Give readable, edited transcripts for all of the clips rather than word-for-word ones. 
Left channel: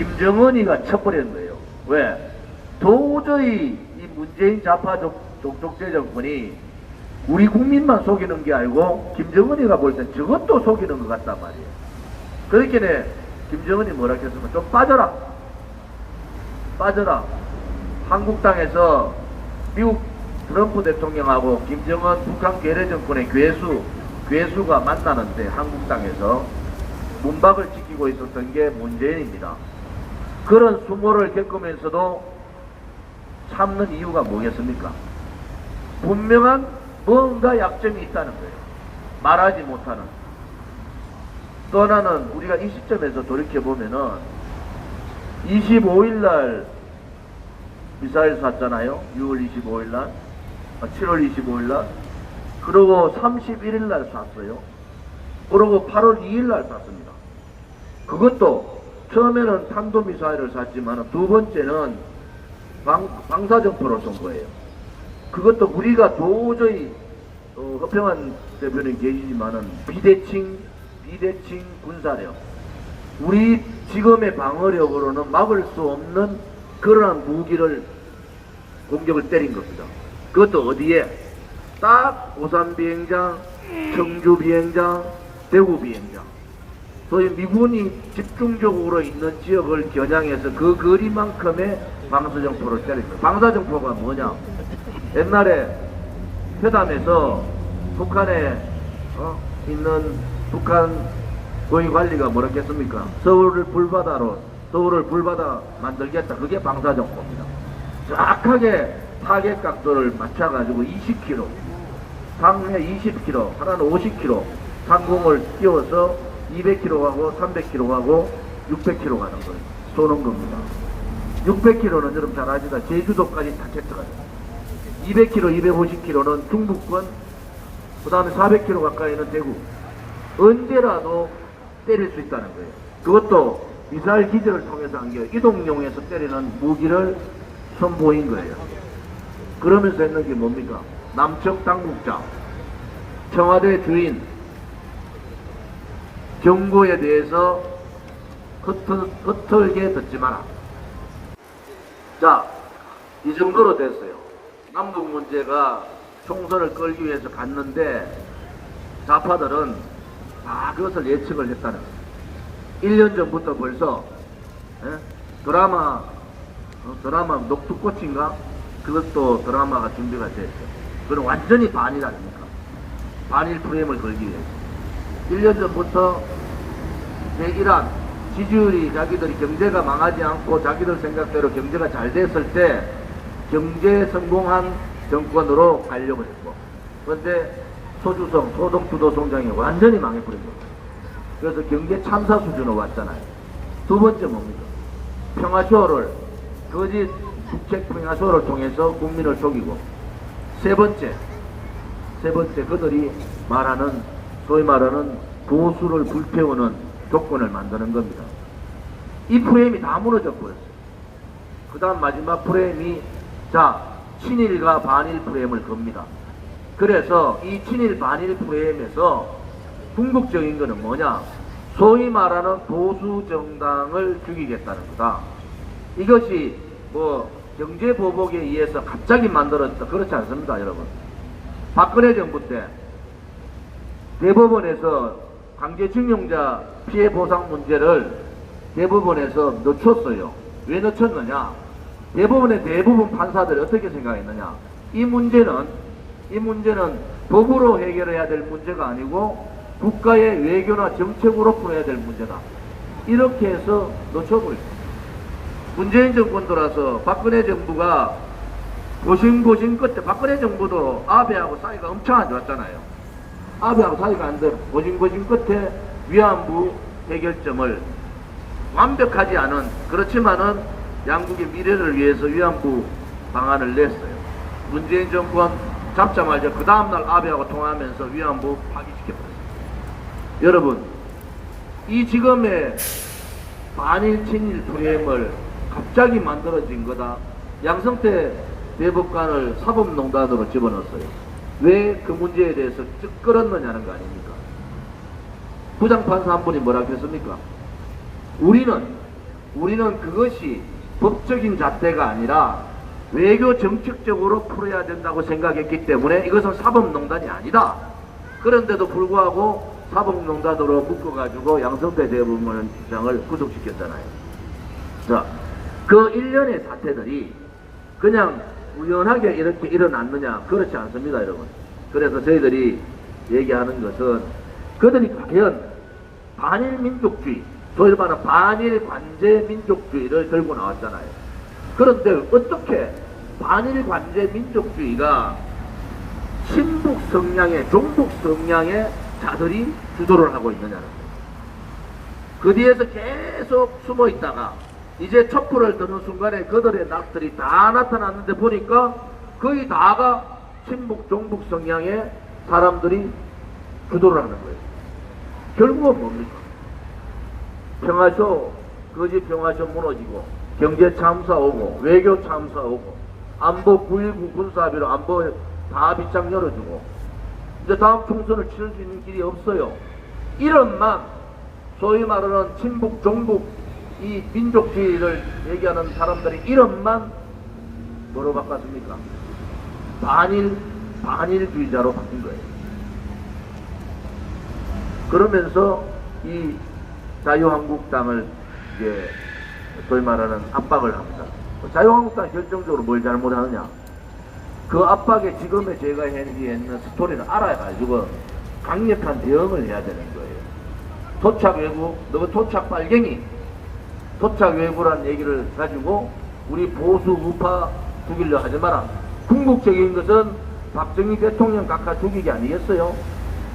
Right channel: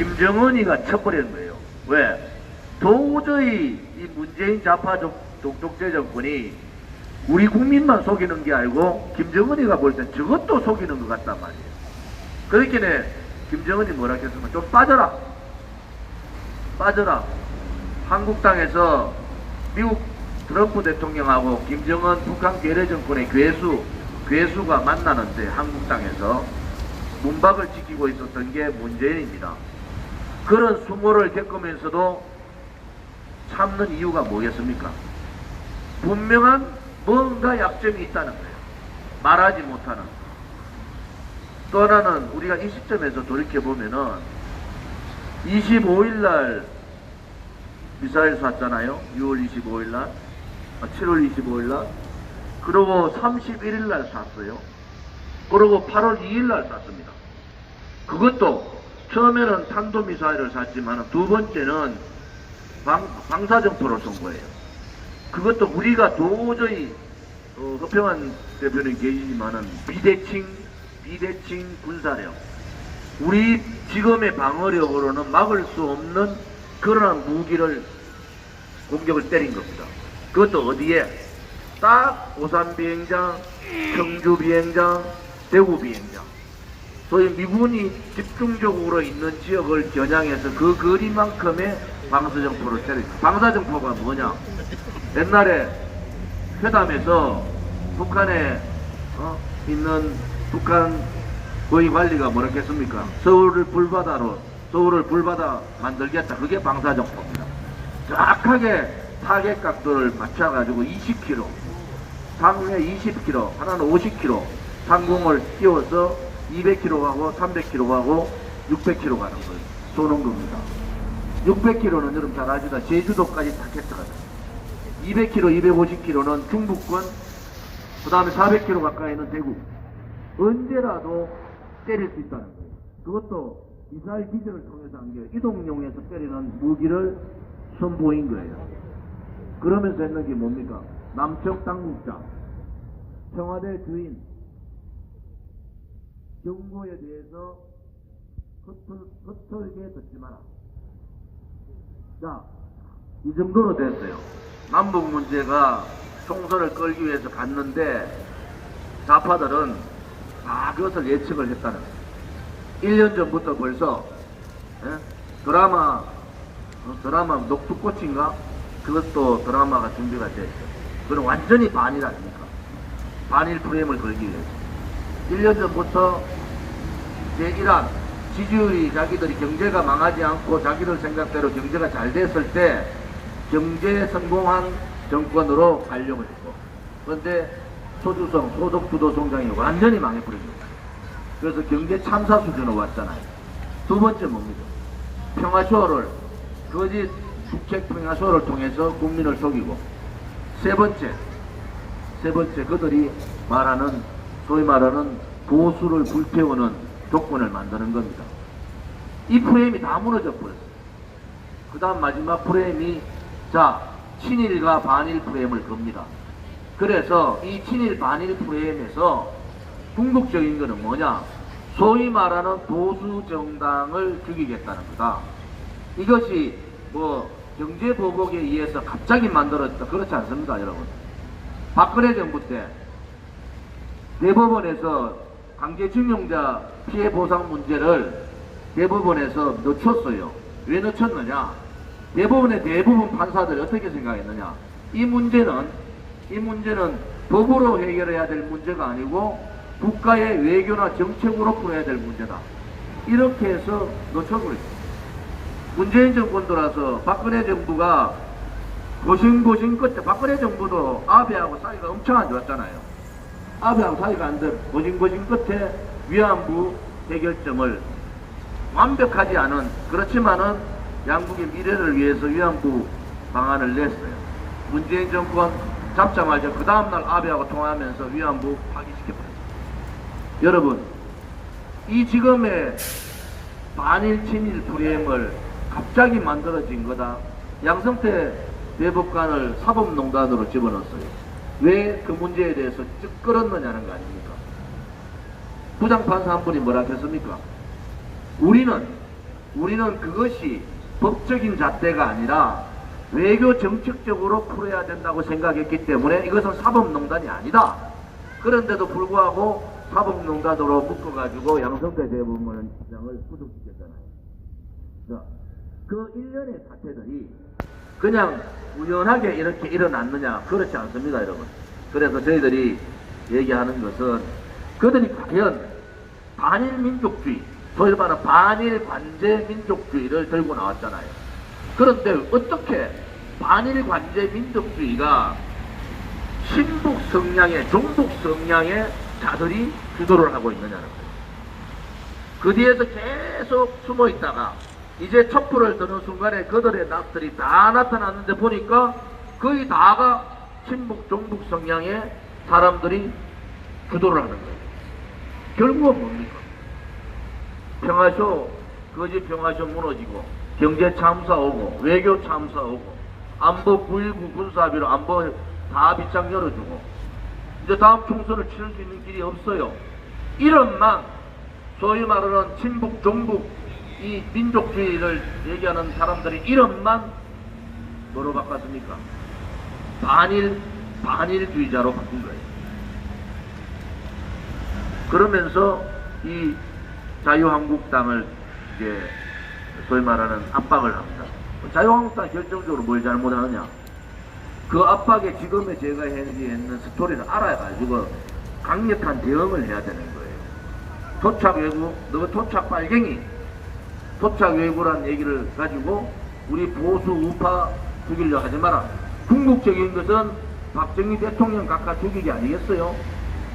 김정은이가 쳐버리는 거예요. 왜? 도저히 이 문재인 좌파 독재 정권이 우리 국민만 속이는 게 아니고 김정은이가 볼 땐 저것도 속이는 것 같단 말이에요. 그렇게 김정은이 뭐라 했으면 좀 빠져라. 한국 땅에서 미국 트럼프 대통령하고 김정은 북한 괴뢰 정권의 괴수가 만나는데 한국 땅에서 문박을 지키고 있었던 게 문재인입니다. 그런 수모를 겪으면서도 참는 이유가 뭐겠습니까? 분명한 뭔가 약점이 있다는 거예요. 말하지 못하는. 또 하나는 우리가 이 시점에서 돌이켜보면은 25일날 미사일 쐈잖아요. 6월 25일날 7월 25일날 그리고 31일날 쐈어요. 그리고 8월 2일날 쐈습니다. 그것도 처음에는 탄도미사일을 쐈지만 두 번째는 방사정포를 쏜 거예요. 그것도 우리가 도저히 허평한 대표는 계시지만은 비대칭 군사력, 우리 지금의 방어력으로는 막을 수 없는 그런 무기를 공격을 때린 겁니다. 그것도 어디에? 딱 오산 비행장, 청주 비행장, 대구 비행장. 소위 미군이 집중적으로 있는 지역을 겨냥해서 그 거리만큼의 방사정포를 때립니다. 방사정포가 뭐냐? 옛날에 회담에서 북한에 있는 북한 고위 관리가 뭐라 했습니까? 서울을 불바다 만들겠다. 그게 방사정포입니다. 정확하게 타겟 각도를 맞춰가지고 20km, 상해 20km, 하나는 50km 상공을 띄워서 200km 가고 300km 가고 600km 가는 걸 쏘는 겁니다. 600km는 여러분 잘 아시다. 제주도까지 타겟트가 200km, 250km는 중부권, 그 다음에 400km 가까이는 대구. 언제라도 때릴 수 있다는 거예요. 그것도 미사일 기절을 통해서 한 게 이동용에서 때리는 무기를 선보인 거예요. 그러면서 했는 게 뭡니까? 남측 당국장, 청와대 주인, 정부에 대해서 흩털게 듣지 마라. 자, 이 정도로 됐어요. 남북 문제가 총선을 끌기 위해서 갔는데 좌파들은 다 그것을 예측을 했다는 거예요. 1년 전부터 벌써 드라마 녹두꽃인가? 그것도 드라마가 준비가 됐죠. 그건 완전히 반일 아닙니까? 반일 프레임을 걸기 위해서 1년 전부터 대이란 지지율이 자기들이 경제가 망하지 않고 자기들 생각대로 경제가 잘 됐을 때 경제 성공한 정권으로 가려고 했고, 그런데 소주성, 소득주도 성장이 완전히 망해버렸죠. 그래서 경제 참사 수준으로 왔잖아요. 두 번째 뭡니까? 평화쇼를, 거짓 국책 평화쇼를 통해서 국민을 속이고, 세 번째 그들이 말하는, 소위 말하는 보수를 불태우는 조건을 만드는 겁니다. 이 프레임이 다 무너져 버렸어요. 그 다음 마지막 프레임이, 자, 친일과 반일 프레임을 겁니다. 그래서 이 친일 반일 프레임에서 궁극적인 것은 뭐냐? 소위 말하는 보수 정당을 죽이겠다는 거다. 이것이 뭐 경제보복에 의해서 갑자기 만들어졌다, 그렇지 않습니까, 여러분? 박근혜 정부 때 대법원에서 강제징용자 피해 보상 문제를 대법원에서 늦췄어요. 왜 늦췄느냐? 대법원의 대부분 판사들이 어떻게 생각했느냐? 이 문제는 법으로 해결해야 될 문제가 아니고 국가의 외교나 정책으로 풀어야 될 문제다. 이렇게 해서 늦춰버렸어요. 문재인 정권 들어서 박근혜 정부가 고심 끝에, 박근혜 정부도 아베하고 사이가 엄청 안 좋았잖아요. 아베하고 사이가 안 좋아 고심 끝에 위안부 해결점을 완벽하지 않은, 그렇지만은 양국의 미래를 위해서 위안부 방안을 냈어요. 문재인 정권 잡자마자 그 다음날 아베하고 통화하면서 위안부 파기시켰어요. 여러분, 이 지금의 반일 친일 프레임을 갑자기 만들어진 거다. 양성태 대법관을 사법농단으로 집어넣었어요. 왜 그 문제에 대해서 쭉 끌었느냐는 거 아닙니까? 부장판사 한 분이 뭐라 했습니까? 우리는 우리는 그것이 법적인 잣대가 아니라 외교 정책적으로 풀어야 된다고 생각했기 때문에 이것은 사법농단이 아니다. 그런데도 불구하고 사법농단으로 묶어가지고 양성태 대법원장을 구속시켰잖아요. 자, 그 일련의 사태들이 그냥 우연하게 이렇게 일어났느냐? 그렇지 않습니다, 여러분. 그래서 저희들이 얘기하는 것은 그들이 과연 반일 민족주의, 소위 말하는 반일 관제 민족주의를 들고 나왔잖아요. 그런데 어떻게 반일 관제 민족주의가 신북 성향의, 종북 성향의 자들이 주도를 하고 있느냐는 거예요. 그 뒤에서 계속 숨어 있다가 이제 촛불을 드는 순간에 그들의 낙들이 다 나타났는데 보니까 거의 다가 친북, 종북 성향의 사람들이 주도를 하는 거예요. 결국은 뭡니까? 평화쇼, 거짓 평화쇼 무너지고, 경제 참사 오고, 외교 참사 오고, 안보 9.19 군사합의로 안보 다 빗장 열어주고, 이제 다음 총선을 치를 수 있는 길이 없어요. 이런만, 소위 말하는 친북, 종북, 이 민족주의를 얘기하는 사람들이 이런만 뭐로 바꿨습니까? 반일주의자로 바꾼 거예요. 그러면서 이 자유한국당을 이제 소위 말하는 압박을 합니다. 자유한국당이 결정적으로 뭘 잘못하느냐? 그 압박에 지금의 제가 했는 스토리를 알아가지고 강력한 대응을 해야 되는 거예요. 토착 외구, 너 토착 빨갱이, 토착 외구란 얘기를 가지고 우리 보수 우파 죽이려 하지 마라. 궁극적인 것은 박정희 대통령 각하 죽이기 아니겠어요?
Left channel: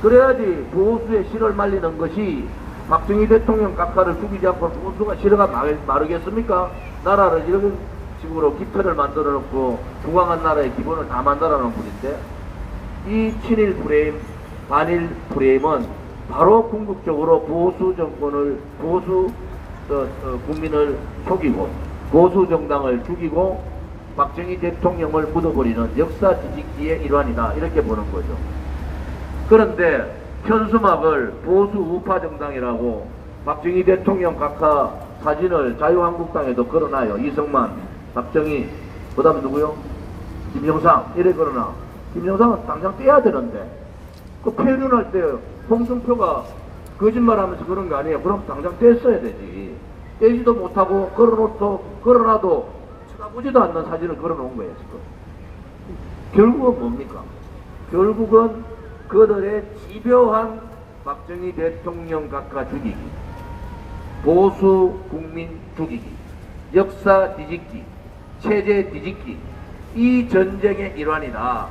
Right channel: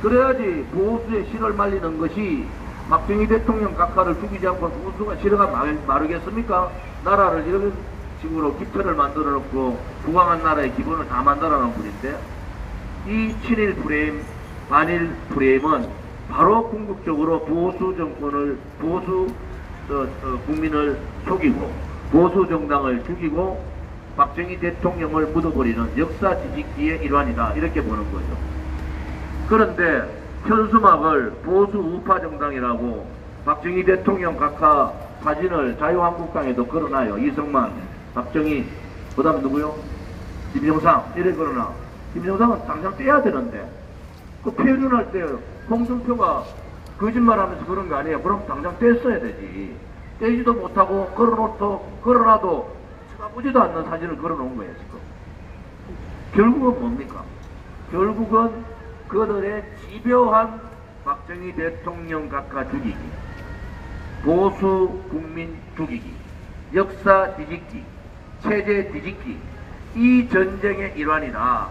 그래야지 보수의 실을 말리는 것이 박정희 대통령 각하를 죽이지 않고 보수가 실어가 마르겠습니까? 나라를 이런 식으로 기틀을 만들어 놓고 부강한 나라의 기본을 다 만들어 놓은 분인데, 이 친일 프레임, 반일 프레임은 바로 궁극적으로 보수 정권을, 보수 국민을 속이고 보수 정당을 죽이고 박정희 대통령을 묻어버리는 역사 뒤집기의 일환이다, 이렇게 보는 거죠. 그런데 현수막을 보수 우파 정당이라고 박정희 대통령 각하 사진을 자유한국당에도 걸어놔요. 이승만, 박정희, 그 다음 누구요? 김영삼, 이래 걸어놔. 김영삼은 당장 떼야 되는데, 그 표현할 때 홍준표가 거짓말하면서 그런 거 아니에요. 그럼 당장 뗐어야 되지. 떼지도 못하고 걸어놔도 쳐다보지도 않는 사진을 걸어놓은 거예요, 지금. 결국은 뭡니까? 결국은 그들의 집요한 박정희 대통령 각하 죽이기, 보수 국민 죽이기, 역사 뒤집기, 체제 뒤집기, 이 전쟁의 일환이다.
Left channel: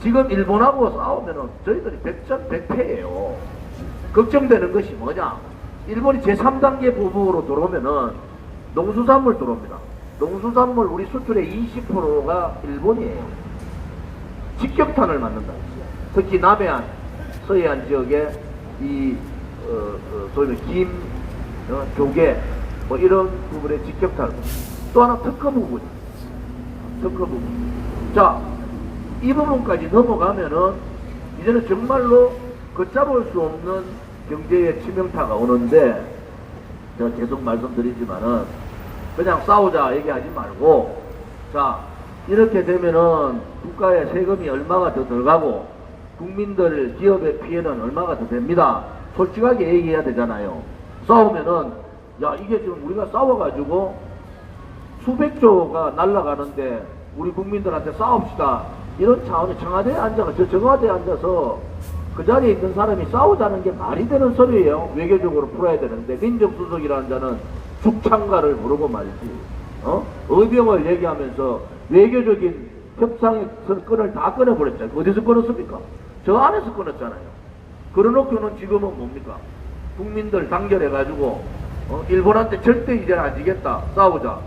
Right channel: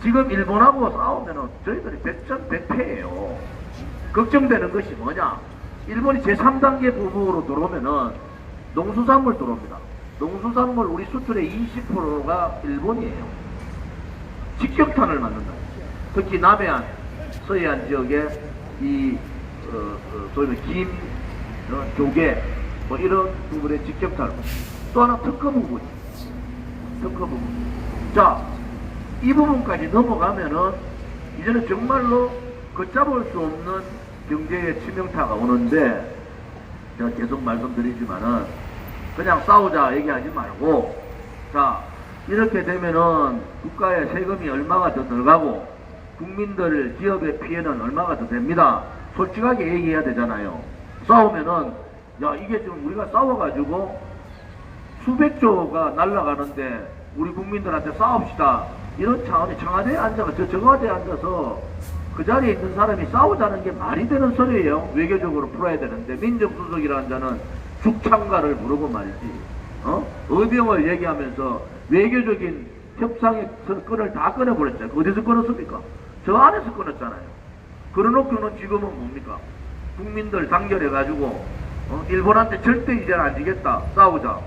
지금 일본하고 싸우면은 저희들이 100전 100패예요. 걱정되는 것이 뭐냐? 일본이 제3단계 보복으로 들어오면은 농수산물 들어옵니다. 농수산물 우리 수출의 20%가 일본이에요. 직격탄을 맞는다. 특히 남해안, 서해안 지역에 이 소위 김, 조개 뭐 이런 부분에 직격탄을. 또 하나 특허 부분. 특허 부분. 자, 이 부분까지 넘어가면은 이제는 정말로 걷잡을 수 없는 경제의 치명타가 오는데, 제가 계속 말씀드리지만은 그냥 싸우자 얘기하지 말고, 자, 이렇게 되면은 국가의 세금이 얼마가 더 들어가고 국민들, 기업의 피해는 얼마가 더 됩니다. 솔직하게 얘기해야 되잖아요. 싸우면은, 야, 이게 지금 우리가 싸워가지고 수백조가 날아가는데 우리 국민들한테 싸웁시다, 이런 차원의 청와대에 앉아서, 저 청와대에 앉아서 그 자리에 있는 사람이 싸우자는 게 말이 되는 소리예요. 외교적으로 풀어야 되는데, 민정수석이라는 자는 죽창가를 부르고 말이지, 의병을 얘기하면서 외교적인 협상의 끈을 다 끊어버렸잖아요. 어디서 끊었습니까? 저 안에서 끊었잖아요. 그러놓고는 지금은 뭡니까? 국민들 단결해가지고 일본한테 절대 이제 안 지겠다, 싸우자.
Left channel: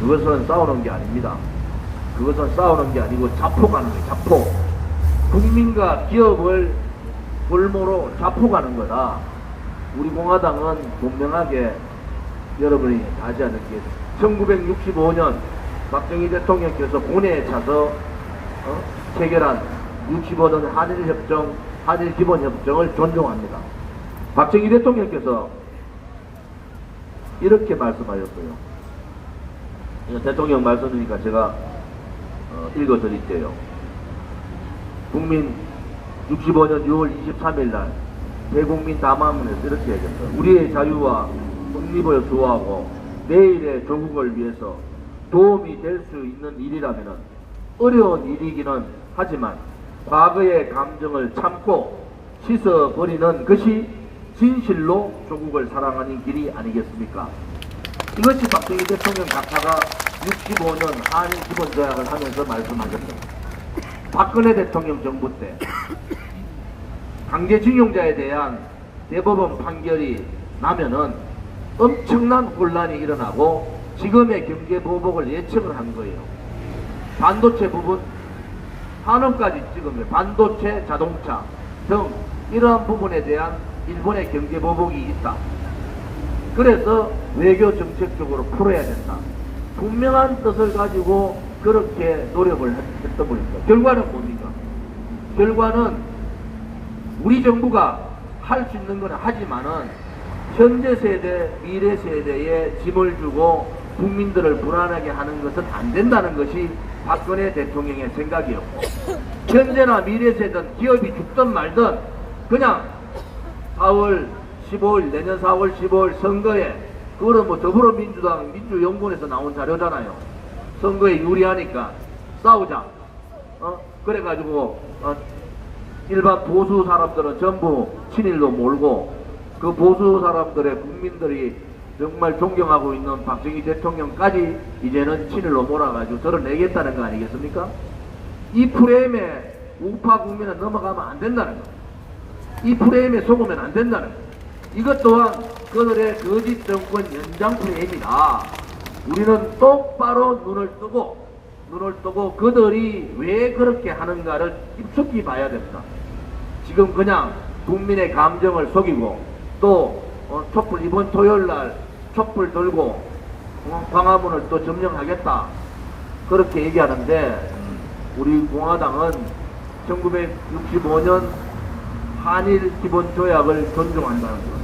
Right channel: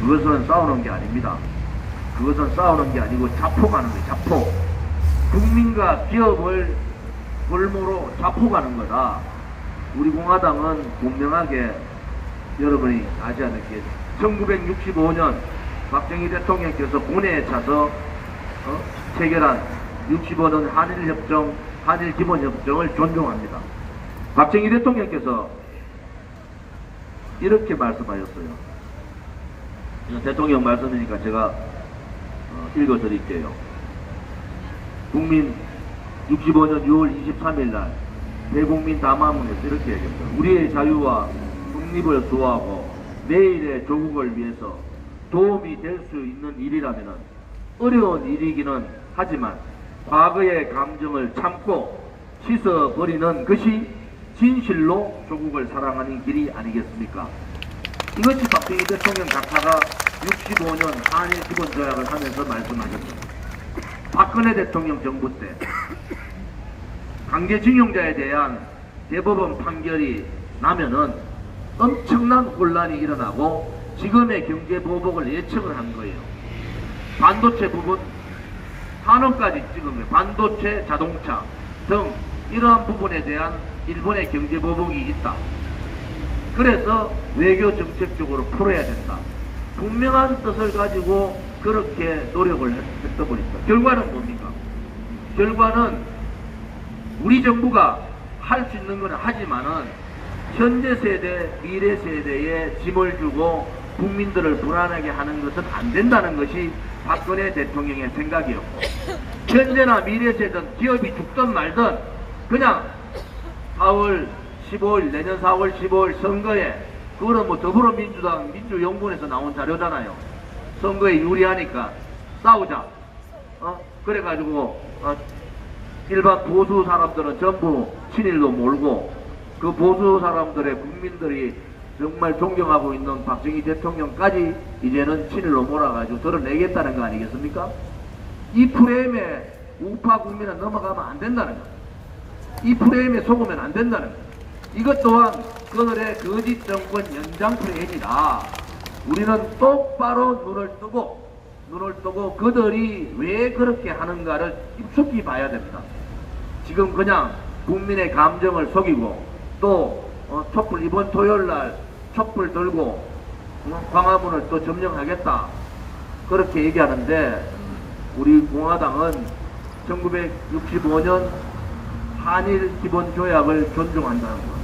그것은 싸우는 게 아닙니다. 그것은 싸우는 게 아니고 자포가는 거예요. 자포. 국민과 기업을 볼모로 자포가는 거다. 우리 공화당은 분명하게 여러분이 아지 않을게, 1965년 박정희 대통령께서 본회에 차서 체결한 65년 한일협정, 한일기본협정을 존중합니다. 박정희 대통령께서 이렇게 말씀하셨어요. 이건 대통령 말씀이니까 제가 읽어드릴게요. 국민 65년 6월 23일 날 대국민 담화문에서 이렇게 얘기했어요. 우리의 자유와 독립을 수호하고 내일의 조국을 위해서 도움이 될 수 있는 일이라면 어려운 일이기는 하지만 과거의 감정을 참고 씻어버리는 것이 진실로 조국을 사랑하는 길이 아니겠습니까? 이것이 박정희 대통령 각하가 65년 한일 기본조약을 하면서 말씀하셨습니다. 박근혜 대통령 정부 때 강제징용자에 대한 대법원 판결이 나면은 엄청난 혼란이 일어나고 지금의 경제보복을 예측을 한 거예요. 반도체 부분, 산업까지 찍은 거예요. 반도체, 자동차 등 이러한 부분에 대한 일본의 경제보복이 있다. 그래서 외교 정책적으로 풀어야 된다. 분명한 뜻을 가지고 그렇게 노력을 했던 분입니다. 결과는 뭡니까? 결과는 우리 정부가 할 수 있는 건 하지만은 현재 세대, 미래 세대에 짐을 주고 국민들을 불안하게 하는 것은 안 된다는 것이 박근혜 대통령의 생각이었고, 현재나 미래 세대는 기업이 죽든 말든 그냥 4월 15일, 내년 4월 15일 선거에, 그거는 뭐 더불어민주당 민주연구원에서 나온 자료잖아요. 선거에 유리하니까 싸우자. 그래가지고 일반 보수 사람들은 전부 친일로 몰고, 그 보수 사람들의 국민들이 정말 존경하고 있는 박정희 대통령까지 이제는 친일로 몰아가지고 드러내겠다는 거 아니겠습니까? 이 프레임에 우파 국민은 넘어가면 안 된다는 거. 이 프레임에 속으면 안 된다는 거. 이것 또한 그들의 거짓 정권 연장 프레임이다. 우리는 똑바로 눈을 뜨고 그들이 왜 그렇게 하는가를 깊숙이 봐야 됩니다. 지금 그냥 국민의 감정을 속이고 또 촛불 이번 토요일날 촛불 들고 광화문을 또 점령하겠다 그렇게 얘기하는데, 우리 공화당은 1965년 한일 기본조약을 존중한다는 것.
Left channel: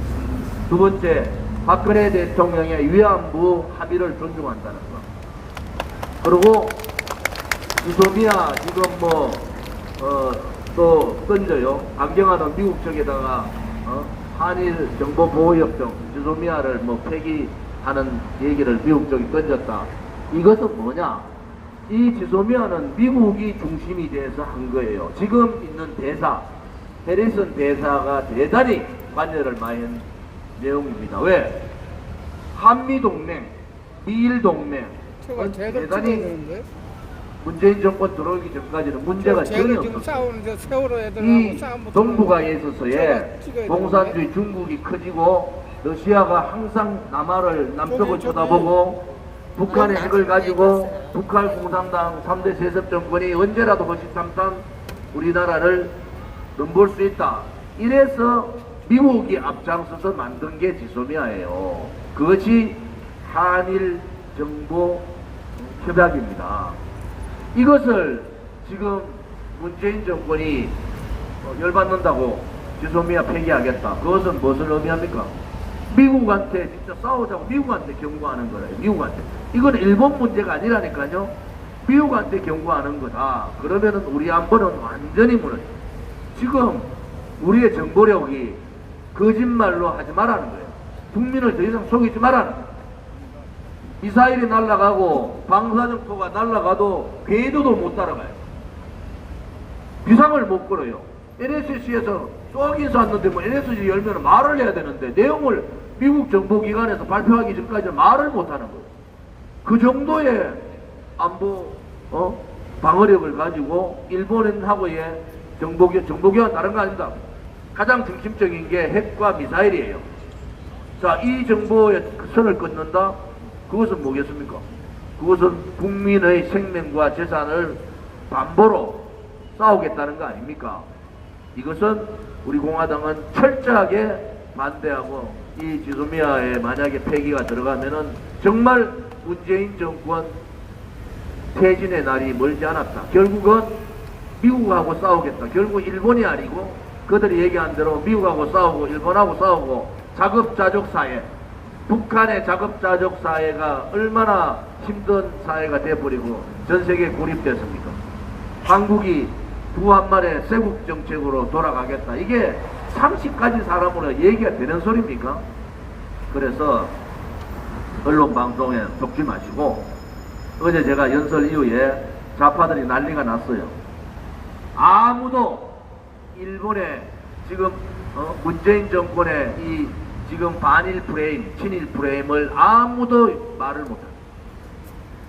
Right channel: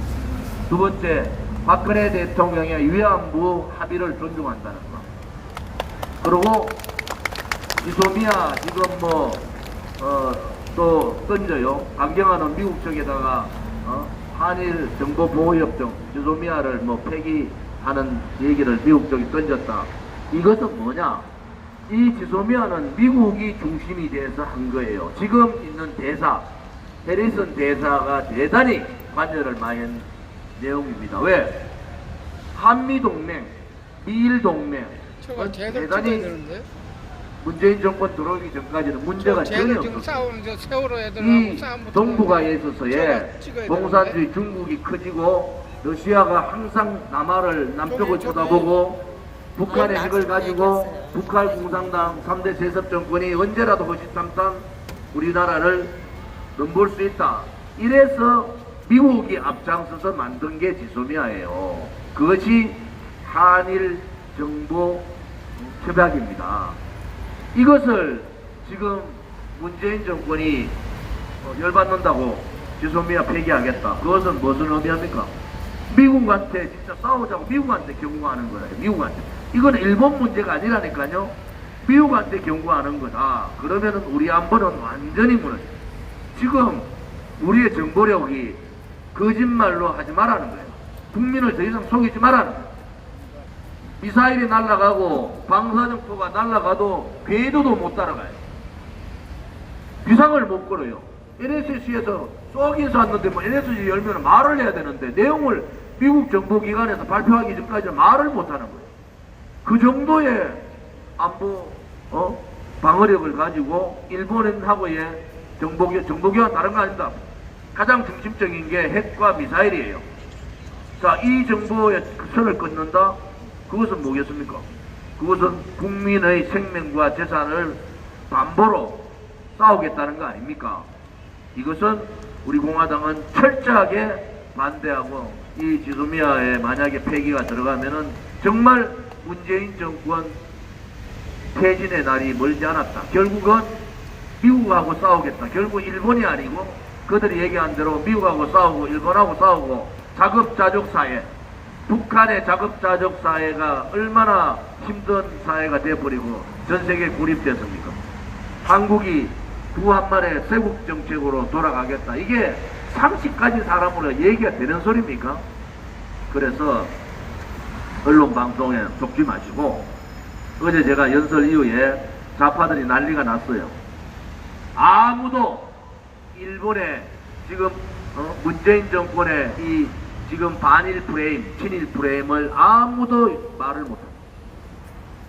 두 번째, 박근혜 대통령의 위안부 합의를 존중한다는 것. 그리고 지소미아 지금 또 던져요. 강경하는 미국 쪽에다가 한일 정보보호협정 지소미아를 폐기하는 얘기를 미국 쪽이 던졌다. 이것은 뭐냐? 이 지소미아는 미국이 중심이 돼서 한 거예요. 지금 있는 대사 해리슨 대사가 대단히 관여를 많이 한 내용입니다. 왜? 한미동맹, 미일동맹 대단히 문재인 정권 들어오기 전까지는 문제가 전혀 없었어요. 이 동북아에 있어서의 공산주의 중국이 커지고 러시아가 항상 남쪽을 쳐다보고 북한의 핵을 가지고 북한 공산당 3대 세습 정권이 언제라도 허시탐탐 우리나라를 넘볼 수 있다. 이래서 미국이 앞장서서 만든 게 지소미아예요. 그것이 한일 정보 협약입니다. 이것을 지금 문재인 정권이 열받는다고 지소미아 폐기하겠다. 그것은 무슨 의미합니까? 미국한테 진짜 싸우자고 미국한테 경고하는 거래요. 미국한테. 이건 일본 문제가 아니라니까요. 미국한테 경고하는 거다. 그러면은 우리 안보는 완전히 무너져요. 지금 우리의 정보력이 거짓말로 하지 말라는 거예요. 국민을 더 이상 속이지 말라는 거예요. 미사일이 날아가고 방사정포가 날아가도 궤도도 못 따라가요. 비상을 못 걸어요. NSC에서 쏘긴 쐈는데 NSC 열면 말을 해야 되는데 내용을 미국 정보기관에서 발표하기 전까지 말을 못하는 거예요. 그 정도의 안보 방어력을 가지고 일본하고의 정보기관 다른 거 아닙니다. 가장 중심적인 게 핵과 미사일이에요. 자, 이 정보의 선을 끊는다? 그것은 뭐겠습니까? 그것은 국민의 생명과 재산을 담보로 싸우겠다는 거 아닙니까? 이것은 우리 공화당은 철저하게 반대하고, 이 지소미아에 만약에 폐기가 들어가면은 정말 문재인 정권 퇴진의 날이 멀지 않았다. 결국은 미국하고 싸우겠다. 결국 일본이 아니고 그들이 얘기한 대로 미국하고 싸우고 일본하고 싸우고 자급자족 사회, 북한의 자급자족 사회가 얼마나 힘든 사회가 돼버리고 전 세계에 고립됐습니까? 한국이 두 한 말의 쇄국 정책으로 돌아가겠다. 이게 상식까지 사람으로 얘기가 되는 소리입니까? 그래서 언론 방송에 속지 마시고, 어제 제가 연설 이후에 좌파들이 난리가 났어요. 아무도 일본의 지금 문재인 정권의 이 지금 반일 프레임, 친일 프레임을 아무도 말을 못해요.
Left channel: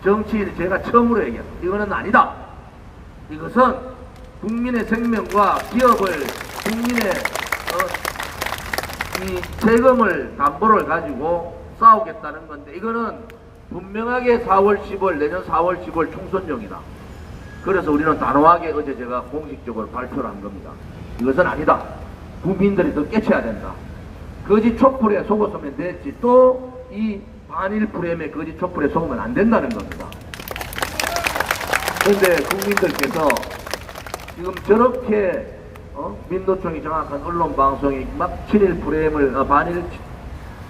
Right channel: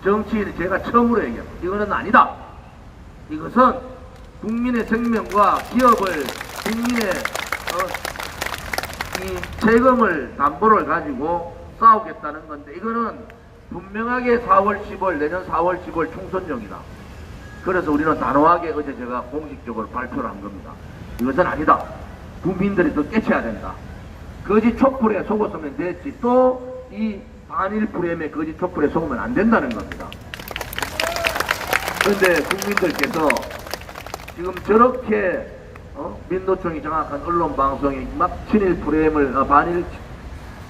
정치인 제가 처음으로 얘기합니다. 이거는 아니다. 이것은 국민의 생명과 기업을, 국민의 이 세금을 담보를 가지고 싸우겠다는 건데, 이거는 분명하게 4월 10월 내년 4월 10월 총선용이다. 그래서 우리는 단호하게 어제 제가 공식적으로 발표를 한 겁니다. 이것은 아니다. 국민들이 더 깨쳐야 된다. 거짓 촛불에 속았으면 됐지, 또 이 반일 프레임에 거짓 촛불에 속으면 안 된다는 겁니다. 그런데 국민들께서 지금 저렇게 민노총이 정확한 언론 방송이 막 친일 프레임을 반일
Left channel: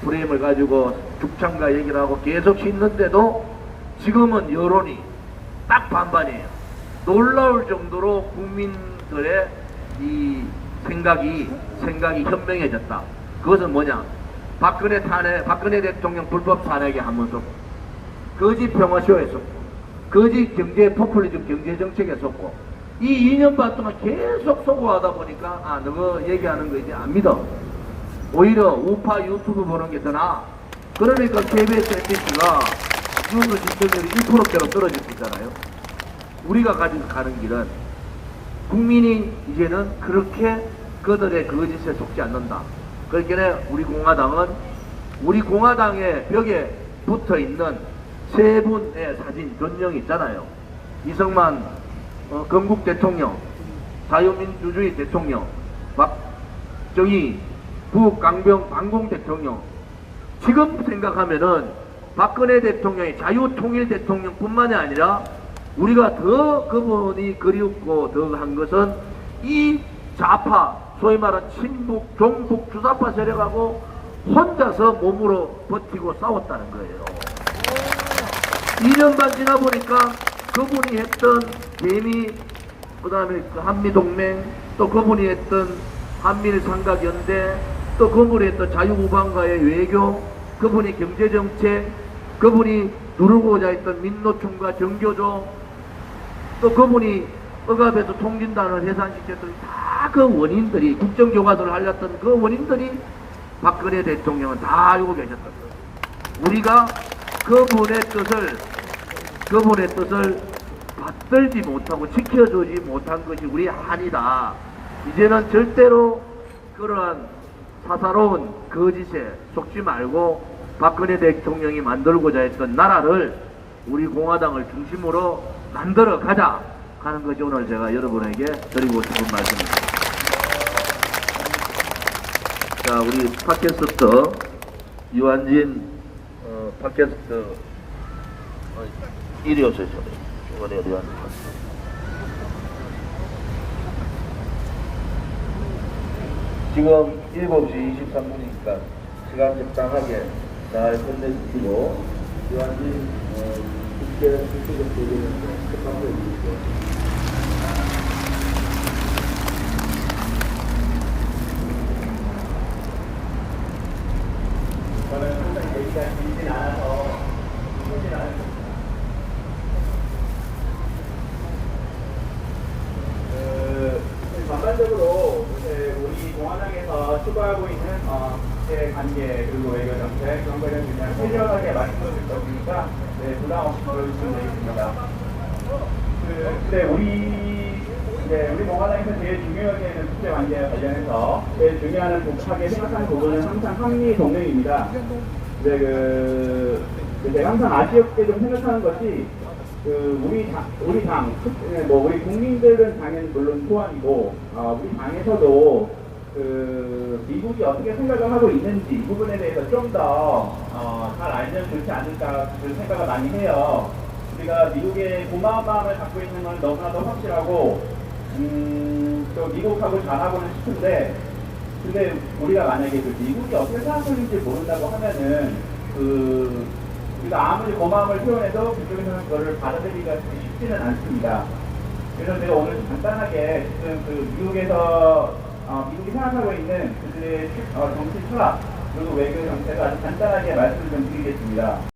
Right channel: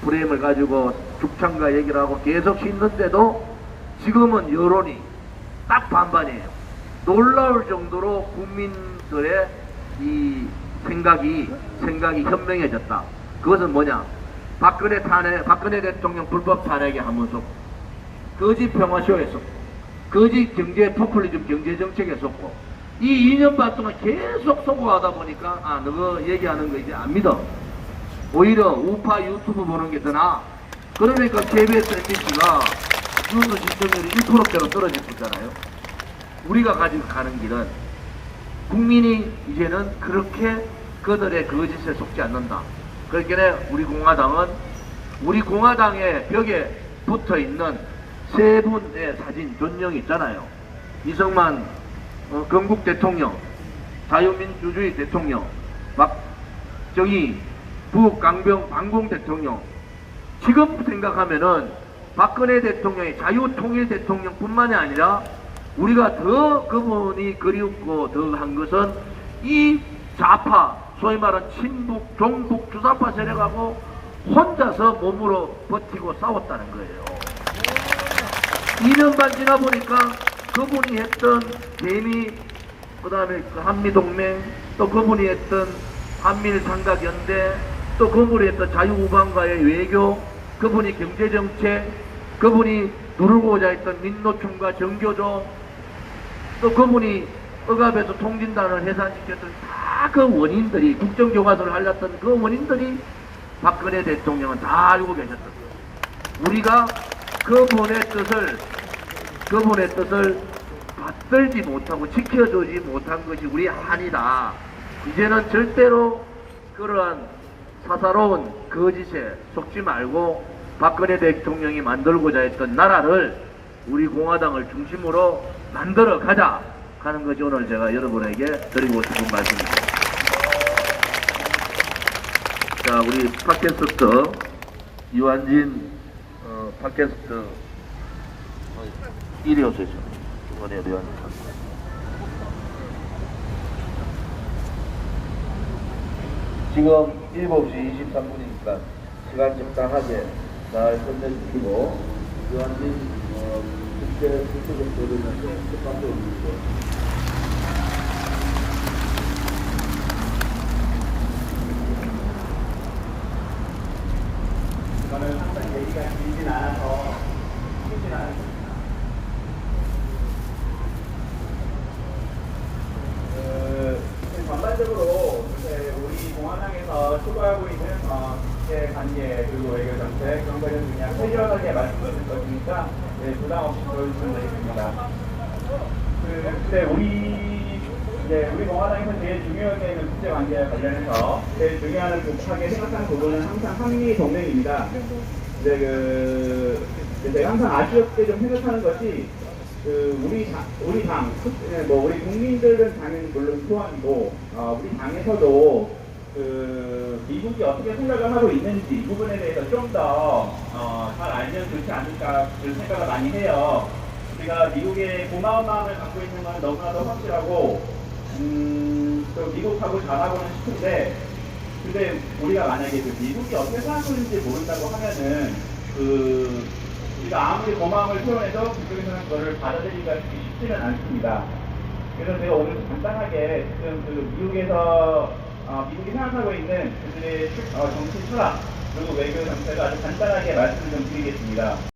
프레임을 가지고 죽창가 얘기를 하고 계속 씻는데도 지금은 여론이 딱 반반이에요. 놀라울 정도로 국민들의 이 생각이 현명해졌다. 그것은 뭐냐? 박근혜 대통령 불법 탄핵에 한번 쏘고, 거짓 평화쇼에 쏘고, 거짓 경제 포퓰리즘 경제 정책에 쏘고, 이 2년 반 동안 계속 쏘고 하다 보니까 너가 얘기하는 거 이제 안 믿어. 오히려 우파 유튜브 보는 게 더 나아. 그러니까 KBS MBC가 뉴스 시청률이 1%대로 떨어지고 있잖아요. 우리가 가지고 가는 길은 국민이 이제는 그렇게 그들의 거짓에 속지 않는다. 그러니까 우리 공화당의 벽에 붙어 있는 세 분의 사진 전령이 있잖아요. 이승만 건국 대통령, 자유민주주의 대통령, 박정희 북강병 반공 대통령. 지금 생각하면은 박근혜 대통령이 자유통일 대통령뿐만이 아니라 우리가 더 그분이 그리웠고 더 한 것은 이 좌파, 소위 말하는 친북, 종북, 주사파 세력하고 혼자서 몸으로 버티고 싸웠다는 거예요. 2년 반 지나 보니까 그분이 했던 개미, 그 다음에 한미동맹, 또 그분이 했던 한밀삼각연대, 또 그분이 했던 자유우방과의 외교, 그분이 경제정책, 그분이 누르고자 했던 민노총과 정교조, 또 그분이 억압에서 통진단을 해산시켰던 다 그 원인들이, 국정교과서를 알렸던 그 원인들이 박근혜 대통령은 다 알고 계셨던 거예요. 우리가 그분의 뜻을 받들지 못하고 지켜주지 못한 것이 우리의 한이다. 이제는 절대로 그러한 사사로운 거짓에 속지 말고 박근혜 대통령이 만들고자 했던 나라를 우리 공화당을 중심으로 만들어 가자 하는 것이 오늘 제가 여러분에게 드리고 싶은 말씀입니다. 자, 우리 팟캐스트 유한진 팟캐스트 이리 오세요. 이번에 유한진 지금 7시 23분이니까 시간 적당하게 잘 끝내주시고 유한진 국회 수석을 보내는데 축하해 주시고. 저는 항상 얘기가 길진 않아서 힘들진 않습니다. 전반적으로 이제 우리 공화당에서 추구하고 있는 국제 관계 그리고 외교 정책 그런 거에 대해서 그냥 세밀하게 말씀드릴 거니까 부담 없이 들어주시면 되겠습니다. 근데 우리 공화당에서 제일 중요하게 여기는 국제 관계에 관련해서 제일 중요한 하게 생각하는 부분은 항상 한미 동맹입니다. 제가 항상 아쉬웠게 좀 생각하는 것이 우리 당, 우리 국민들은 당연히 물론 소환이고, 우리 당에서도 미국이 어떻게 생각을 하고 있는지 이 부분에 대해서 좀 더 잘 알면 좋지 않을까 그런 생각을 많이 해요. 우리가 미국의 고마운 마음을 갖고 있는 건 너무나도 확실하고, 또 미국하고 잘하고는 싶은데, 근데 우리가 만약에 미국이 어떻게 생각하는지 모른다고 하면은 우리가 아무리 고마움을 표현해도 그쪽에서는 그거를 받아들이기가 쉽지는 않습니다. 그래서 제가 오늘 간단하게 지금 미국에서 미국이 생각하고 있는 그들의 정치 철학 그리고 외교 정책을 아주 간단하게 말씀을 좀 드리겠습니다.